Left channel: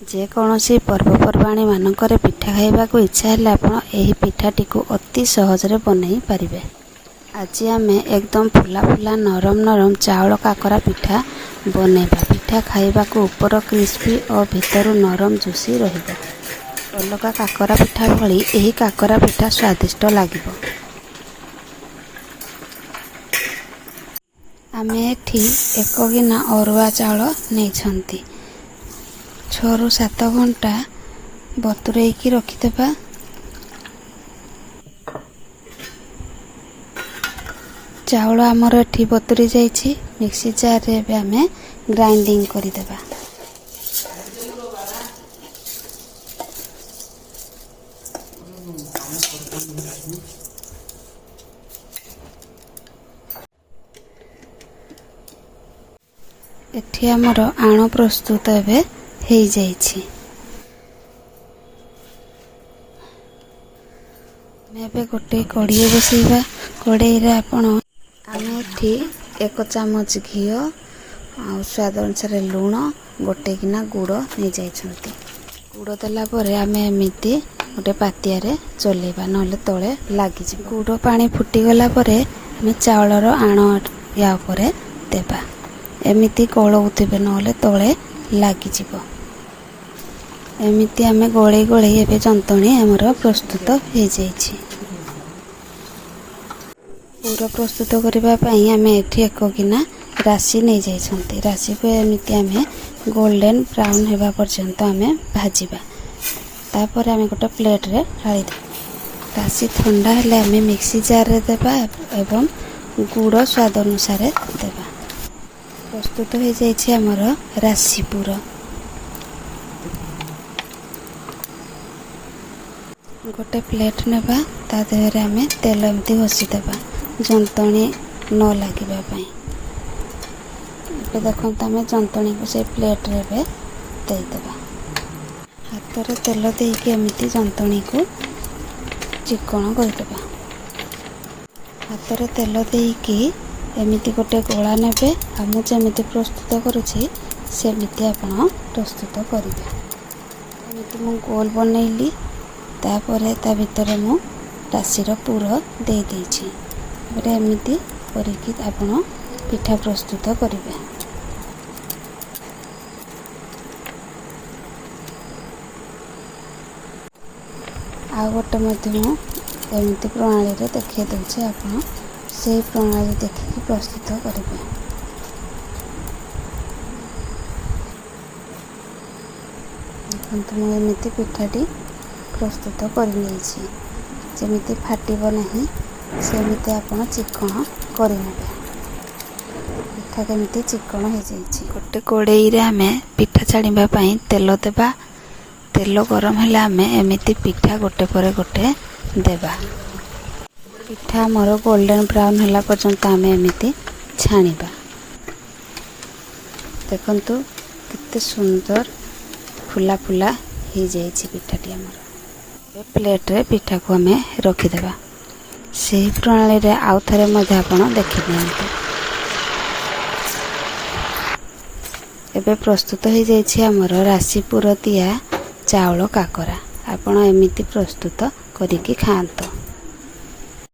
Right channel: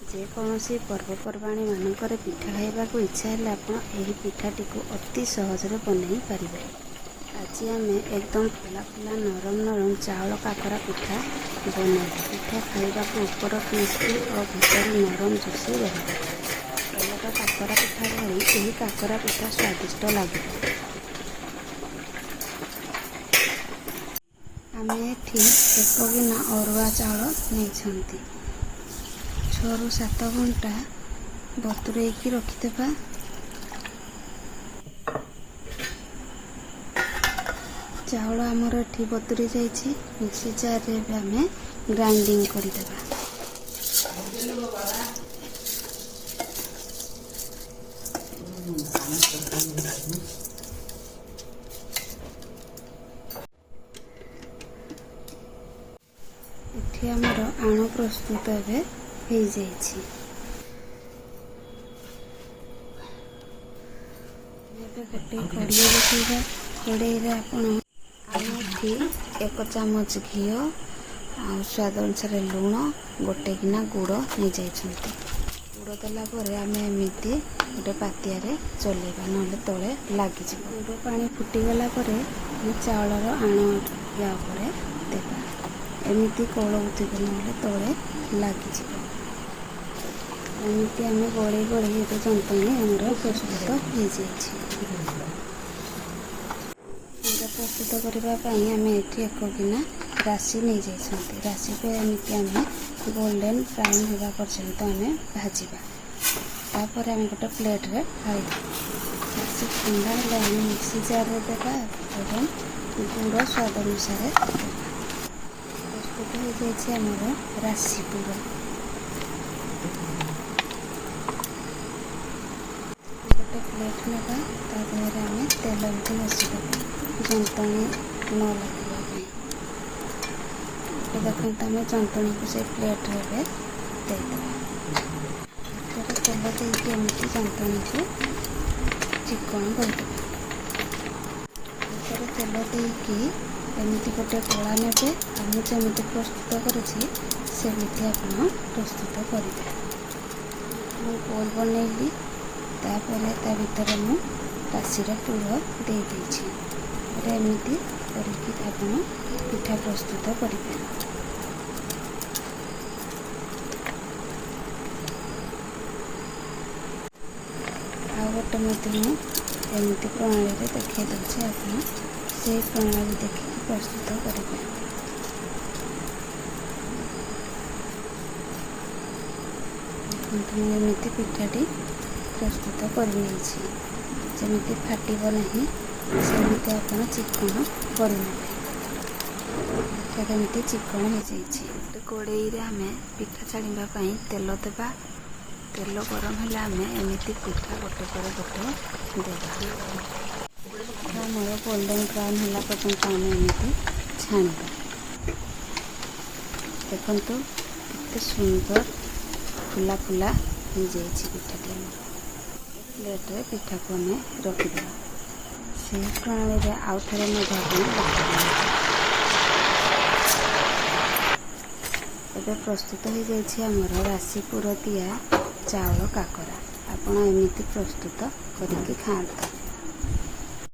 ଯେକୌଣସି ପର୍ବପର୍ବାଣି ମାନଙ୍କରେ ପିଠା ଖାଇବାକୁ ଇଚ୍ଛା ହେଲେ ଆପଣ ଏହି ପିଠାଟିକୁ ଅତି ସହଜରେ ବନେଇ ପାରିବେ। ଆଜି ଆମେ ଏକଦମ ଫୁଲା ଫୁଲା ନରମ ନରମ ଚାଉଳ କାକରା ପିଠା ବନେଇବା। ପିଠା ଖାଇବାକୁ ଉପର କ୍ରିସ୍ପି ଓ ଭିତରୁ ନରମ ଜୁସି ରହିବ। ଅଲଗା କାକରା ପିଠା ଭଳି ଏହି କାକରା ପିଠା ସ୍ୱାଦିଷ୍ଟ ଲାଗିବ। ଆମେ ଏଠି 1 ଗିନା ଅରୁଆ ଚାଉଳ ନେଇଛନ୍ତି। 6 ରୁ 7 ଘଣ୍ଟା ବତୁରେଇକି ରଖିଦେବା। ଚାଉଳ ଆମର ଏଠି ବତୁରି ଯାଇଛି। ମିକ୍ସି ଜାରରେ ଏବେ ଆମେ ଗ୍ରାଇଣ୍ଡିଙ୍ଗ କରିଦେବା। ଏଠି ଆମର ଆଣ ପ୍ରସ୍ତୁତ ଏବେ ହେଇଯାଇଛି। ଏବେ ଗୋଟେ କଡ଼େଇ ବସାଇବା। କଡ଼େଇରେ ଆମେ ଏଠି 1 ଚାମଚ ଘିଅ ଆଉ ସ୍ୱାଦ ଅନୁସାରେ ଲୁଣ, 1 ଗିନା ଗୁଡ଼ ନେଇଯାଇଛନ୍ତି। ଗୁଡ଼ ଦେଲା ପରେ ଆମେ ଏମିତି ଗୋଟେ ପାତିଆରେ ଚଲେଇବା, ନହେଲେ ତଳେ ଲାଗିଯିବ। ଗୁଡ଼ ପାଣି ଫୁଟିଗଲା ପରେ ଆମେ ଚାଉଳର ଆଣ ୟା ଉପରେ ଦେବା। ଏମିତି ଗୋଳଉଥିବେ, ନହେଲେ ତଳେ ଲାଗିଯିବ। ଏମିତି ଆମେ ଗୋଳେଇ ଗୋଳେଇ ଏବେ ଜନ୍ତଣି ଆମର ପ୍ରସ୍ତୁତ ହେଇଯାଇଛି। ପୁର ପ୍ରସ୍ତୁତ କରିବା ପାଇଁ ଆମେ ଏଠି 1 ଗିନା ରାଶି ନେଇଯାଇଛନ୍ତି। ରାଶିକୁ ଏମିତି ଆମେ ଗୋଲ୍ଡେନ ବ୍ରାଉନ୍ ହେବା ପର୍ଯ୍ୟନ୍ତ ଆମେ ଭାଜିବା। ତାପରେ ଆମେ ଗୋଟେ ପ୍ଲେଟରେ ଢାଳିଦେବା। ରାଶି ଥଣ୍ଡା ହେଲେ ଆମେ ମିକ୍ସି ଜାରରେ ଦେବା ଏବଂ ଗୁଡ଼ ସ୍ୱାଦ ଅନୁସାରେ ଦେବା। ପ୍ରସ୍ତୁତ ହେଇଯାଇଛି ଆମର ରାଶି ପୁର। ଗୋଟେ ପ୍ଲେଟ୍ ନେବା, ତା ଦେହରେ ଆମେ ତେଲ ଏମିତି ଘଷିଦେବା ଜନ୍ତଣି ନ ଲାଗିବା ପାଇଁ। ଏବେ ଦେଖନ୍ତୁ ଆମେ ଜନ୍ତଣିକୁ ସେ ପ୍ଲେଟ୍ରେ ଏବେ ଦେଇଦେବା। ହାତରେ ତେଲ ଦେଇକି ଏମିତି ଜନ୍ତଣିକୁ ଚିକଣ କରିଦେବା। ହାତରେ ତେଲ ଦେଇକି ଏମିତି ଗୋଟେ ଗୋଳା ନେବେ। ଆଉ ମୁଁ ଯେମିତି ପ୍ରସ୍ତୁତ କରୁଛି ସେମିତି ଆପଣ ପ୍ରସ୍ତୁତ କରିବେ। ଏମିତି ମୁଁ ଗୋଲ ବନେଇଲି। ତାପରେ ତା ଭିତରେ ମୁଁ ରାଶିର ପୁର ଦେଇଦେଇଛି। ତାପରେ ଏମିତି କରିକି ଆପଣ ପିଠା ପ୍ରସ୍ତୁତ କରିବେ। ଆଉ ଗୋଟେ ମଧ୍ୟ ମୁଁ ଏମିତି ପ୍ରଣାଳୀରେ ଦେଖାଇ ଦେଉଛି, ଆପଣ ସେହି ପ୍ରଣାଳୀ ଦେଖିକି ପ୍ରସ୍ତୁତ କରିବେ। ଦେଖନ୍ତୁ ମୁଁ ଏମିତି ପିଠାଟି ପ୍ରସ୍ତୁତ କରିନେଇଛି। ଯେମିତି ଫାଟିବ ନାହିଁ ସେମିତି ଆପଣ ଚିକଣ କରିନେବେ। ପିଠା କେମିତି ଚିକଣ ହେଇଯାଇଛି। ଗୋଟେ କଡ଼େଇରେ ଆମେ ପିଠା ଛାଣିବା ପାଇଁ ତେଲ ଦେବା। ତେଲ ଗରମ ହେଲେ ଆମେ ଏମିତି ପିଠା ଗୋଟେ ପରେ ଗୋଟେ ଦେବା। ପିଠା ଆମର ଗୋଲ୍ଡେନ ବ୍ରାଉନ୍ ହେଲା ପର୍ଯ୍ୟନ୍ତ ଆମେ ଏମିତି ଛାଣିବା। ଦେଖନ୍ତୁ କେତେ ସୁନ୍ଦର ଫୁଲା ଫୁଲା ହେଇଯାଇଛି ପିଠାଟି ଆମର। ପ୍ଲେଟ୍ରେ ପିଠାକୁ ଆମେ ରଖିଦେବା। ସେହି ପ୍ରଣାଳୀରେ ଆଉ ଥରେ ମଧ୍ୟ ଆପଣ ଦେଖିଦିଅନ୍ତୁ। ଏବେ ପ୍ରସ୍ତୁତ ହେଇଯାଇଛି ଆମର ରାଶି ପୁର ଦିଆ ଚାଉଳ କାକରା। ଆପଣ ଏମିତି ପ୍ରସ୍ତୁତ କରିକି ଖାଆନ୍ତୁ।